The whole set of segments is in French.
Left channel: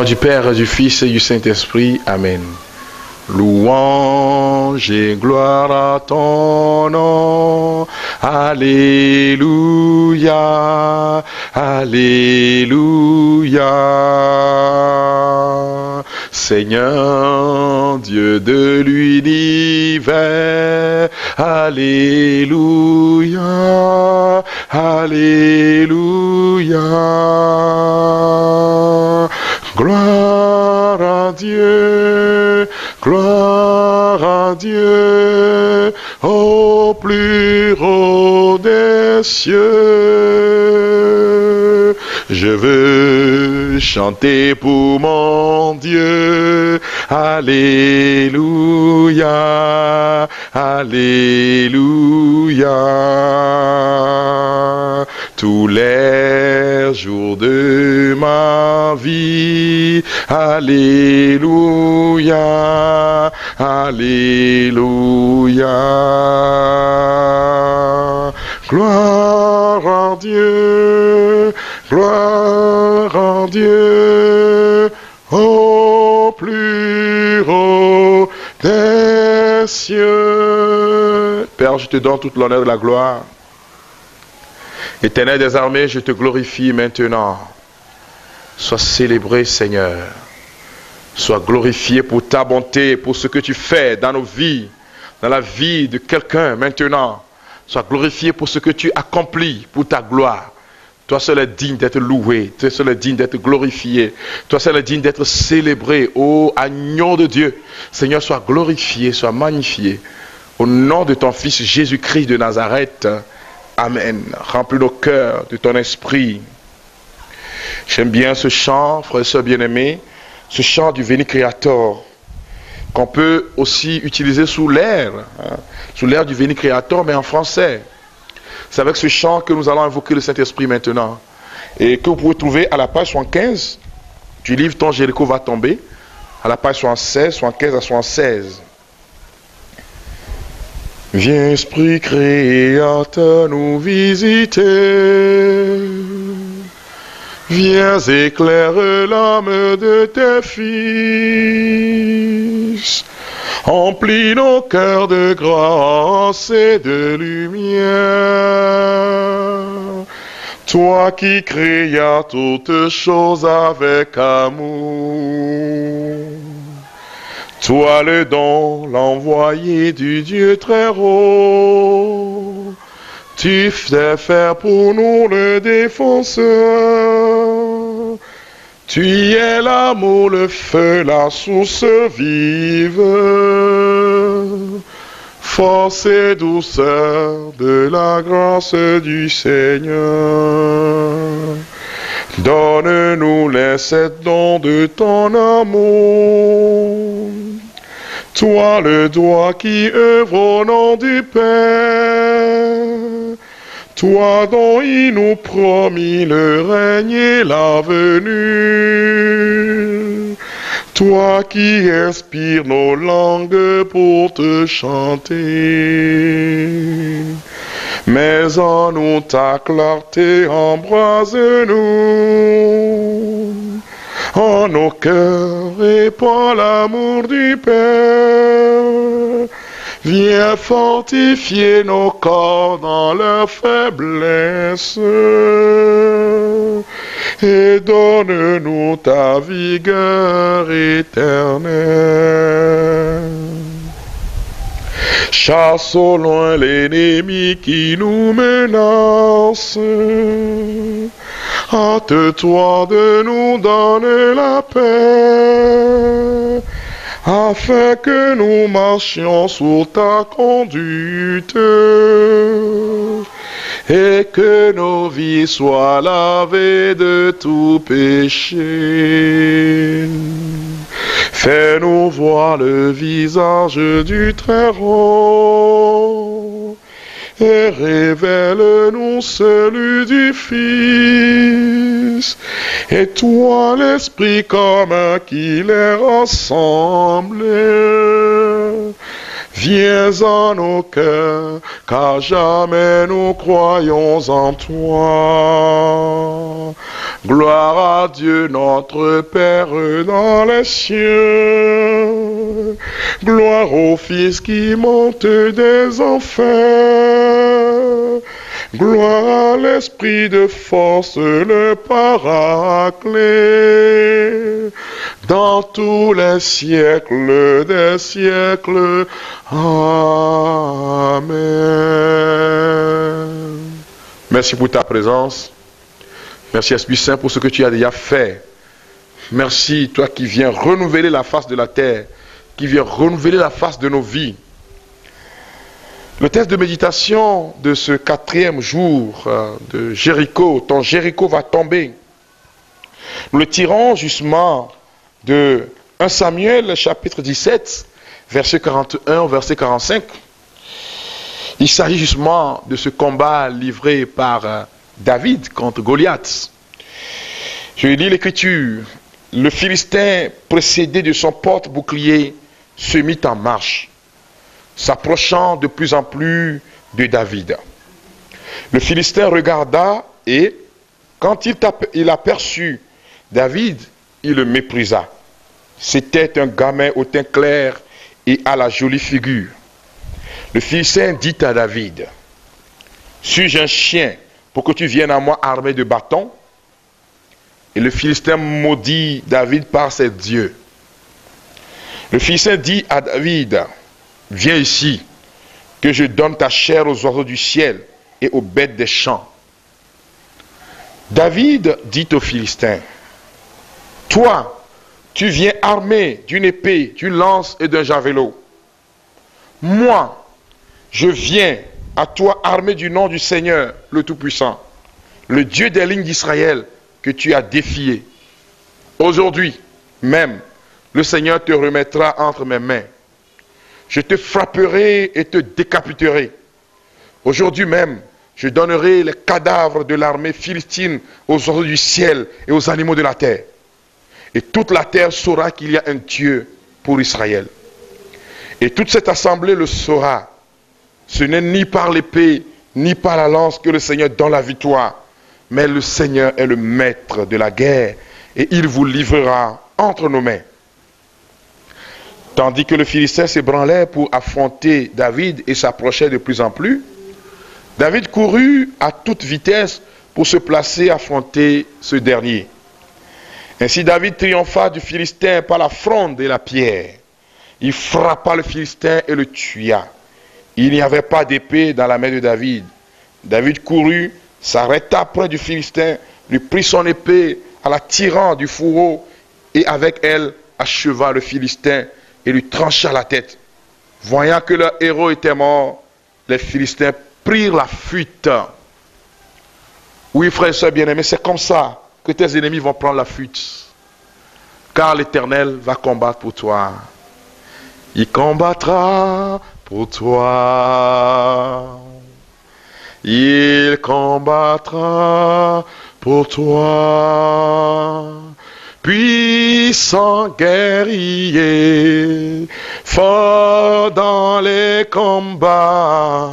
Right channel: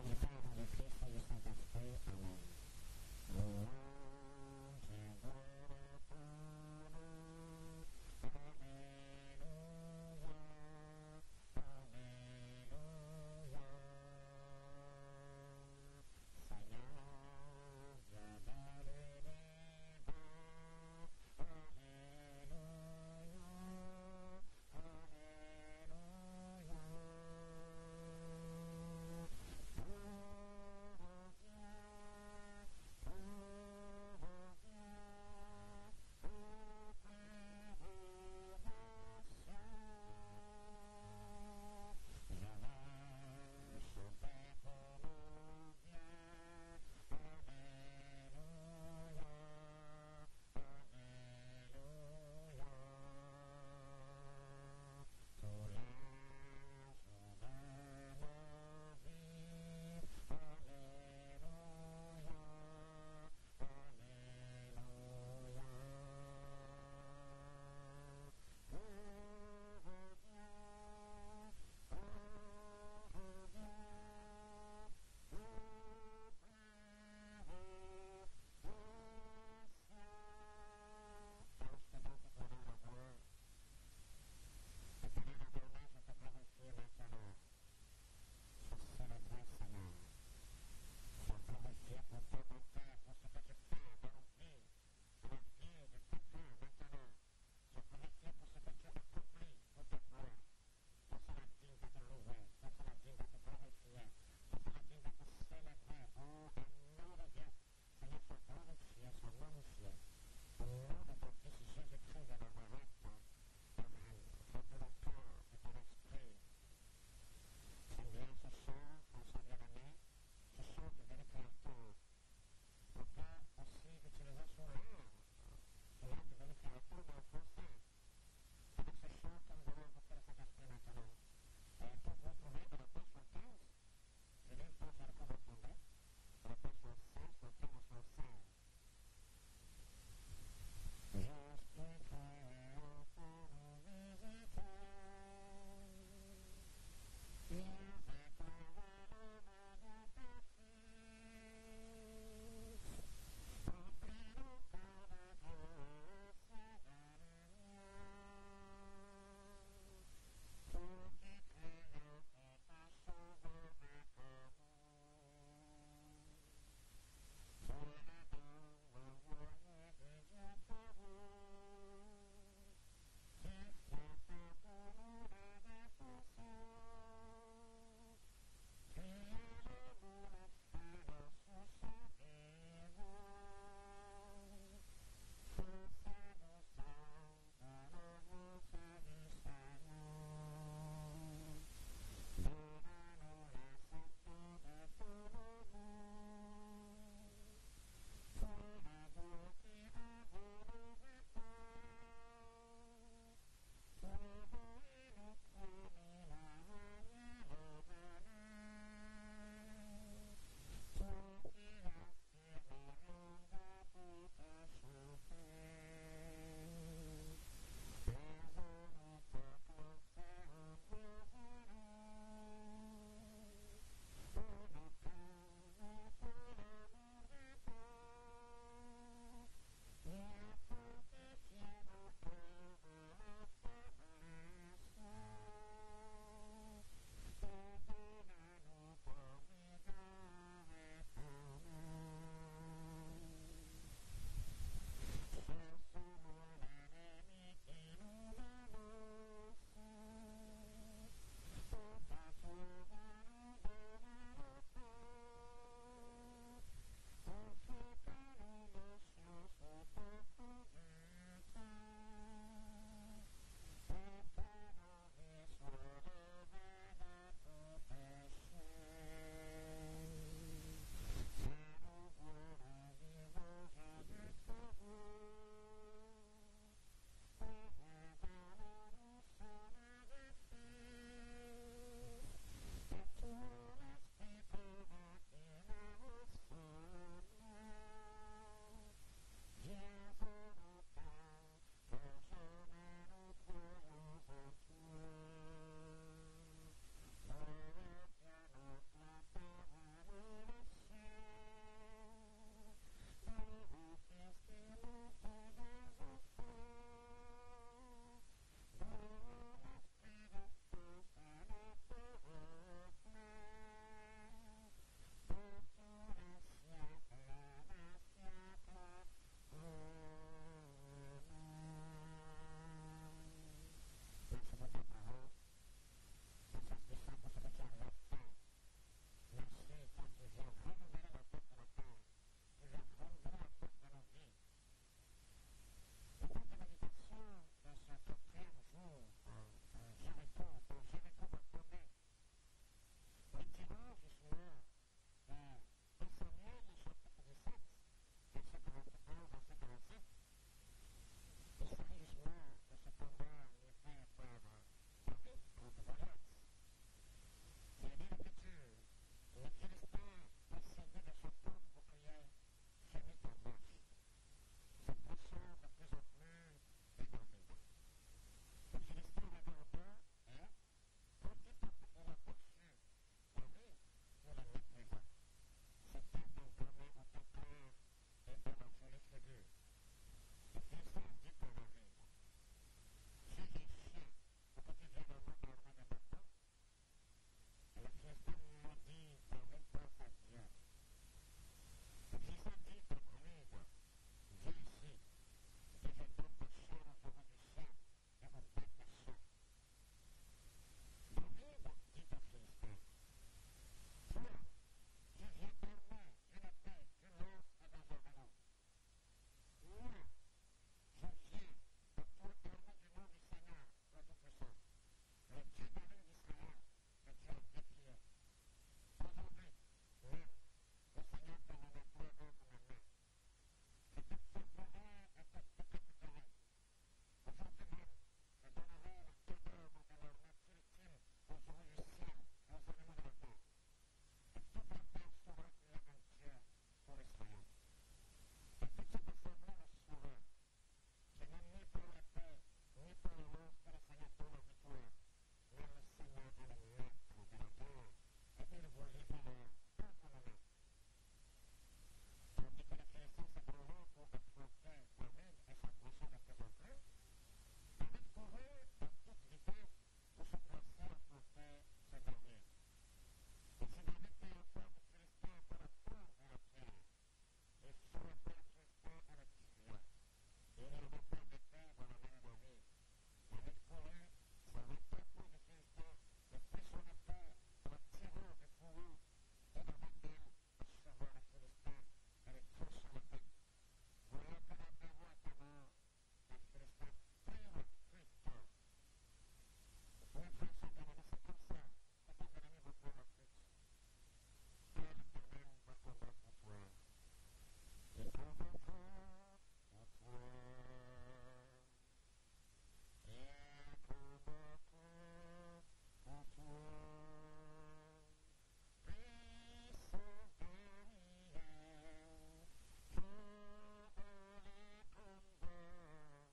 nom du Père, du Fils et du Saint-Esprit. Amen. Louange et gloire à ton nom. Alléluia. Alléluia. Seigneur, Dieu de l'univers. Alléluia. Alléluia. Gloire à Dieu. Gloire à Dieu, au plus haut des cieux. Je veux chanter pour mon Dieu. Alléluia, Alléluia. Tous les jours de ma vie. Alléluia, Alléluia. Gloire à Dieu, gloire à Dieu, au plus haut des cieux. Père, je te donne toute l'honneur et la gloire. Éternel des armées, je te glorifie maintenant. Sois célébré, Seigneur. Sois glorifié pour ta bonté, pour ce que tu fais dans nos vies, dans la vie de quelqu'un maintenant. Sois glorifié pour ce que tu accomplis, pour ta gloire. Toi seul est digne d'être loué, toi seul est digne d'être glorifié, toi seul est digne d'être célébré, ô agneau de Dieu. Seigneur, sois glorifié, sois magnifié. Au nom de ton Fils Jésus-Christ de Nazareth, Amen. Remplis nos cœurs de ton esprit. J'aime bien ce chant, frères et sœurs bien-aimés, ce chant du Veni Creator, qu'on peut aussi utiliser sous l'air du Veni Creator, mais en français. C'est avec ce chant que nous allons invoquer le Saint-Esprit maintenant, et que vous pouvez trouver à la page 75 du livre Ton Jéricho va tomber, à la page 76, 75 à 76. Viens, Esprit Créateur, nous visiter. Viens, éclaire l'âme de tes fils. Emplis nos cœurs de grâce et de lumière. Toi qui créas toutes choses avec amour. Toi le don, l'envoyé du Dieu très haut. Tu fais faire pour nous le défenseur. Tu es l'amour, le feu, la source vive. Force et douceur de la grâce du Seigneur. Donne-nous les 7 dons de ton amour. Toi le doigt qui œuvre au nom du Père. Toi dont il nous promit le règne et la venue. Toi qui inspires nos langues pour te chanter. Mais en nous ta clarté embrase-nous. En nos cœurs et par l'amour du Père. Viens fortifier nos corps dans leur faiblesse. Et donne-nous ta vigueur éternelle. Chasse au loin l'ennemi qui nous menace. Hâte-toi de nous donner la paix, afin que nous marchions sous ta conduite, et que nos vies soient lavées de tout péché. Fais-nous voir le visage du Très-Haut, et révèle-nous celui du Fils, et toi l'Esprit commun qui les rassemble. Viens en nos cœurs, car jamais nous croyons en toi. Gloire à Dieu notre Père dans les cieux. Gloire au Fils qui monte des enfers. Gloire à l'Esprit de force, le Paraclet, dans tous les siècles des siècles. Amen. Merci pour ta présence. Merci Esprit Saint pour ce que tu as déjà fait. Merci toi qui viens renouveler la face de la terre, qui viens renouveler la face de nos vies. Le texte de méditation de ce 4e jour de Jéricho, ton Jéricho va tomber. Nous le tirons justement de 1 Samuel chapitre 17, verset 41 au verset 45. Il s'agit justement de ce combat livré par David contre Goliath. Je lis l'écriture. Le Philistin, précédé de son porte-bouclier, se mit en marche, s'approchant de plus en plus de David. Le Philistin regarda et, quand il aperçut David, il le méprisa. C'était un gamin au teint clair et à la jolie figure. Le Philistin dit à David, « Suis-je un chien pour que tu viennes à moi armé de bâtons ?» Et le Philistin maudit David par ses dieux. Le Philistin dit à David, « Viens ici, que je donne ta chair aux oiseaux du ciel et aux bêtes des champs. » David dit aux Philistins, « Toi, tu viens armé d'une épée, d'une lance et d'un javelot. Moi, je viens à toi armé du nom du Seigneur, le Tout-Puissant, le Dieu des lignes d'Israël que tu as défié. Aujourd'hui même, le Seigneur te remettra entre mes mains. Je te frapperai et te décapiterai. Aujourd'hui même, je donnerai les cadavres de l'armée philistine aux oiseaux du ciel et aux animaux de la terre. Et toute la terre saura qu'il y a un Dieu pour Israël. Et toute cette assemblée le saura. Ce n'est ni par l'épée, ni par la lance que le Seigneur donne la victoire, mais le Seigneur est le maître de la guerre, et il vous livrera entre nos mains. » Tandis que le Philistin s'ébranlait pour affronter David et s'approchait de plus en plus, David courut à toute vitesse pour se placer à affronter ce dernier. Ainsi David triompha du Philistin par la fronde et la pierre. Il frappa le Philistin et le tua. Il n'y avait pas d'épée dans la main de David. David courut, s'arrêta près du Philistin, lui prit son épée en la tirant du fourreau et avec elle acheva le Philistin et lui trancha la tête. Voyant que leur héros était mort, les Philistins prirent la fuite. Oui, frères et sœurs bien-aimés, c'est comme ça que tes ennemis vont prendre la fuite. Car l'Éternel va combattre pour toi. Il combattra pour toi. Il combattra pour toi. Puissant guerrier, fort dans les combats,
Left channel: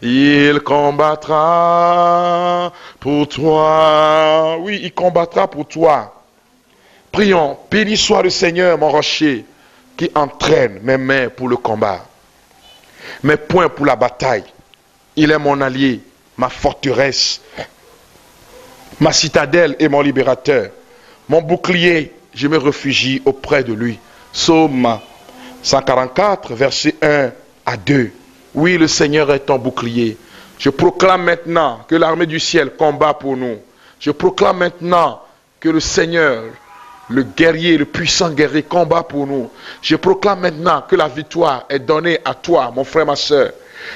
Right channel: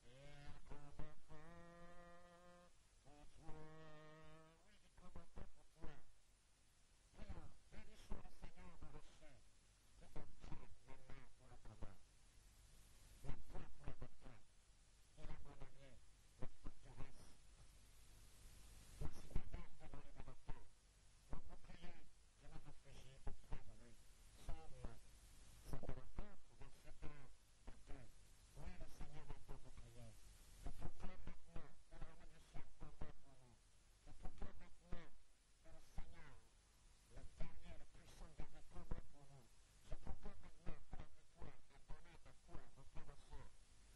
il combattra pour toi. Oui, il combattra pour toi. Prions, béni soit le Seigneur, mon rocher, qui entraîne mes mains pour le combat, mes poings pour la bataille. Il est mon allié, ma forteresse, ma citadelle et mon libérateur. Mon bouclier, je me réfugie auprès de lui. Psaume 144, versets 1 à 2. Oui, le Seigneur est ton bouclier. Je proclame maintenant que l'armée du ciel combat pour nous. Je proclame maintenant que le Seigneur, le guerrier, le puissant guerrier combat pour nous. Je proclame maintenant que la victoire est donnée à toi, mon frère, ma soeur.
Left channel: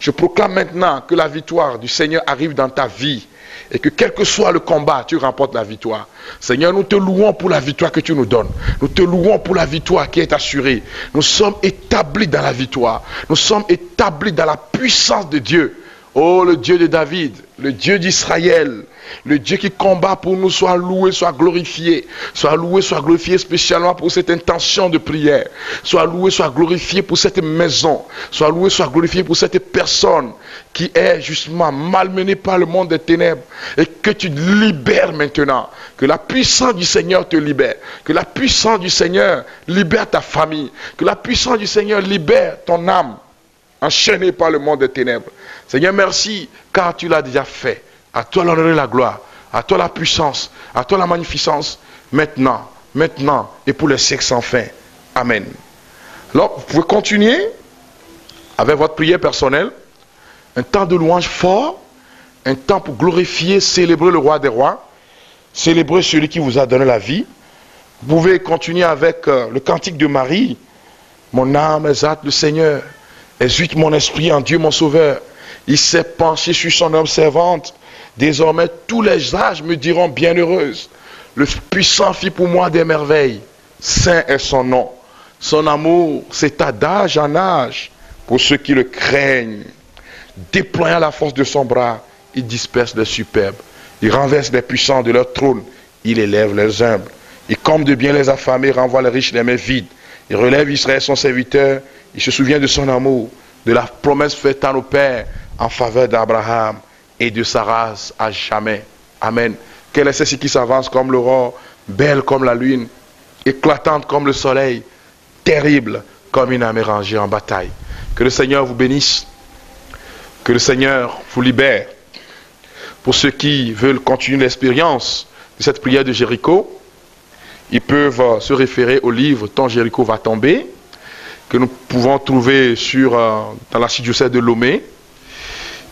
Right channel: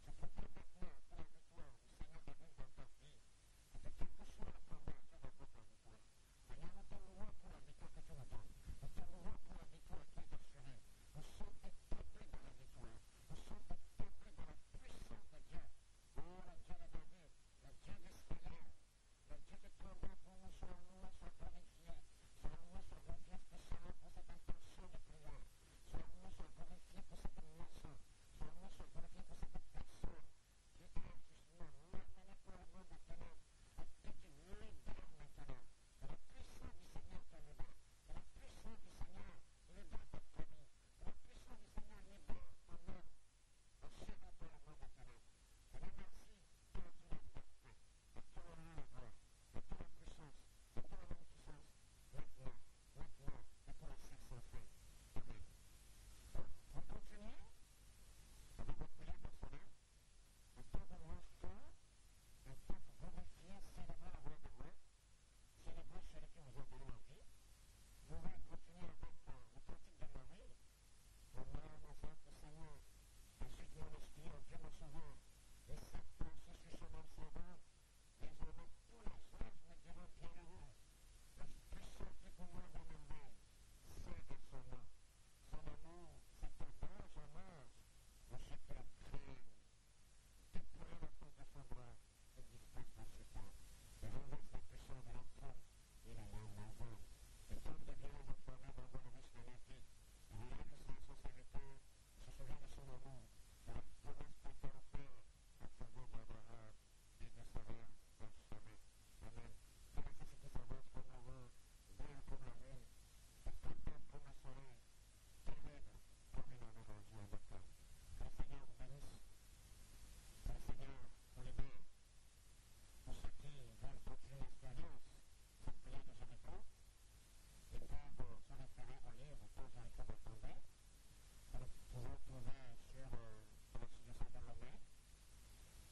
Je proclame maintenant que la victoire du Seigneur arrive dans ta vie. Et que quel que soit le combat, tu remportes la victoire. Seigneur, nous te louons pour la victoire que tu nous donnes. Nous te louons pour la victoire qui est assurée. Nous sommes établis dans la victoire. Nous sommes établis dans la puissance de Dieu. Oh, le Dieu de David, le Dieu d'Israël, Le Dieu qui combat pour nous soit loué, soit glorifié. Soit loué, soit glorifié spécialement pour cette intention de prière. Soit loué, soit glorifié pour cette maison. Soit loué, soit glorifié pour cette personne qui est justement malmenée par le monde des ténèbres. Et que tu libères maintenant. Que la puissance du Seigneur te libère. Que la puissance du Seigneur libère ta famille. Que la puissance du Seigneur libère ton âme, enchaîné par le monde des ténèbres. Seigneur, merci, car tu l'as déjà fait. À toi l'honneur et la gloire, à toi la puissance, à toi la magnificence, maintenant, maintenant, et pour les siècles sans fin. Amen. Alors, vous pouvez continuer avec votre prière personnelle, un temps de louange fort, un temps pour glorifier, célébrer le roi des rois, célébrer celui qui vous a donné la vie. Vous pouvez continuer avec le cantique de Marie. Mon âme exalte le Seigneur, exulte mon esprit en Dieu mon sauveur. Il s'est penché sur son homme servante. Désormais tous les âges me diront bienheureuse. Le puissant fit pour moi des merveilles. Saint est son nom. Son amour s'étend d'âge en âge pour ceux qui le craignent. Déployant la force de son bras, il disperse les superbes. Il renverse les puissants de leur trône. Il élève les humbles. Il comble de bien les affamés, renvoie les riches les mains vides. Il relève Israël son serviteur. Il se souvient de son amour, de la promesse faite à nos pères en faveur d'Abraham et de sa race à jamais. Amen. Quelle est celle-ci qui s'avance comme l'aurore, belle comme la lune, éclatante comme le soleil, terrible comme une armée rangée en bataille. Que le Seigneur vous bénisse. Que le Seigneur vous libère. Pour ceux qui veulent continuer l'expérience de cette prière de Jéricho, ils peuvent se référer au livre « Ton Jéricho va tomber » que nous pouvons trouver dans l'archidiocèse de Lomé,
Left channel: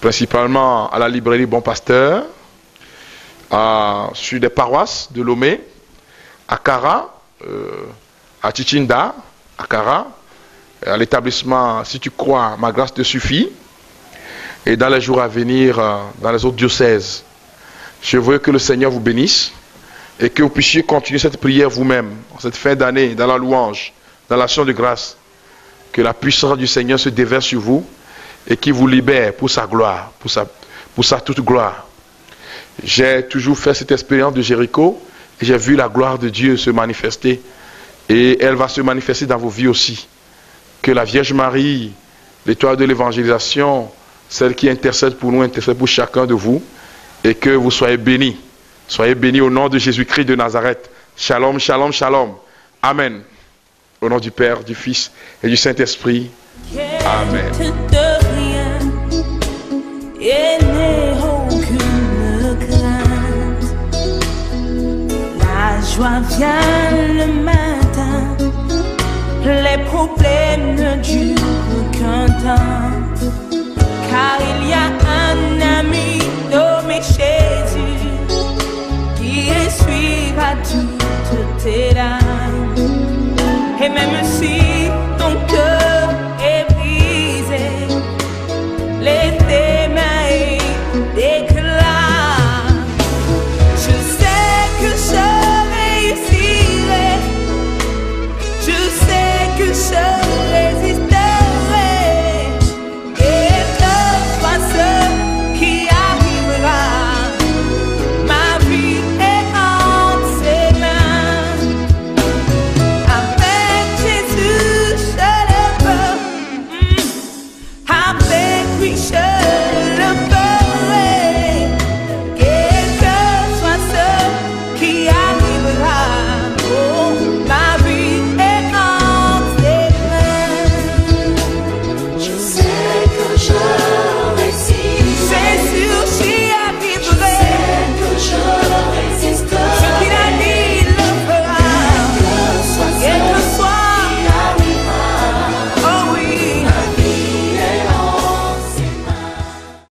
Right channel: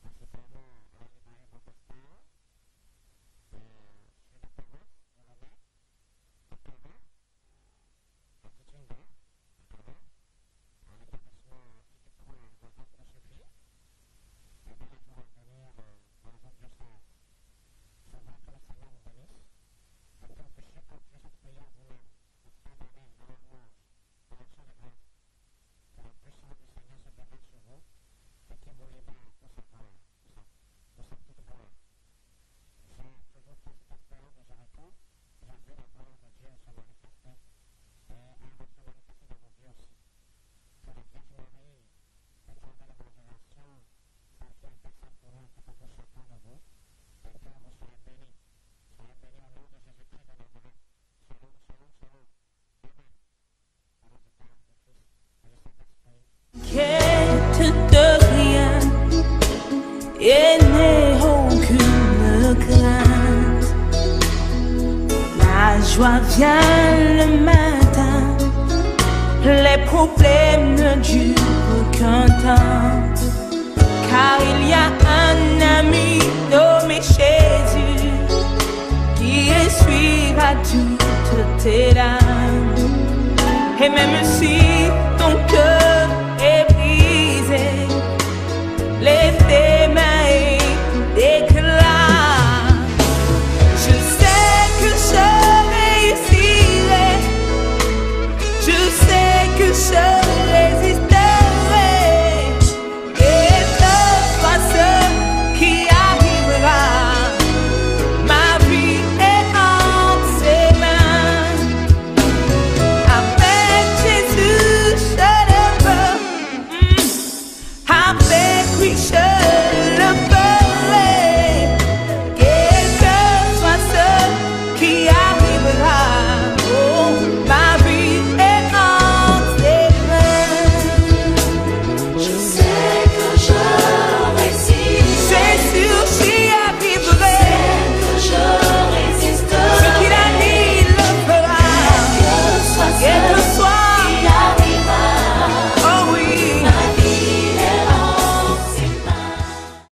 principalement à la librairie Bon Pasteur, sur des paroisses de Lomé, à Kara, à Tichinda, à Kara, à l'établissement Si tu crois, ma grâce te suffit, et dans les jours à venir, dans les autres diocèses. Je veux que le Seigneur vous bénisse et que vous puissiez continuer cette prière vous-même, en cette fin d'année, dans la louange, dans l'action de grâce. Que la puissance du Seigneur se déverse sur vous et qu'il vous libère pour sa gloire, pour sa toute gloire. J'ai toujours fait cette expérience de Jéricho et j'ai vu la gloire de Dieu se manifester et elle va se manifester dans vos vies aussi. Que la Vierge Marie, l'étoile de l'évangélisation, celle qui intercède pour nous, intercède pour chacun de vous et que vous soyez bénis. Soyez bénis au nom de Jésus-Christ de Nazareth. Shalom, shalom, shalom. Amen. Au nom du Père, du Fils et du Saint-Esprit. Amen. De rien, et n'aie aucune crainte. La joie vient le matin, les problèmes ne durent qu'un temps. Car il y a un ami nommé Jésus qui essuiera toutes tes larmes. Et même si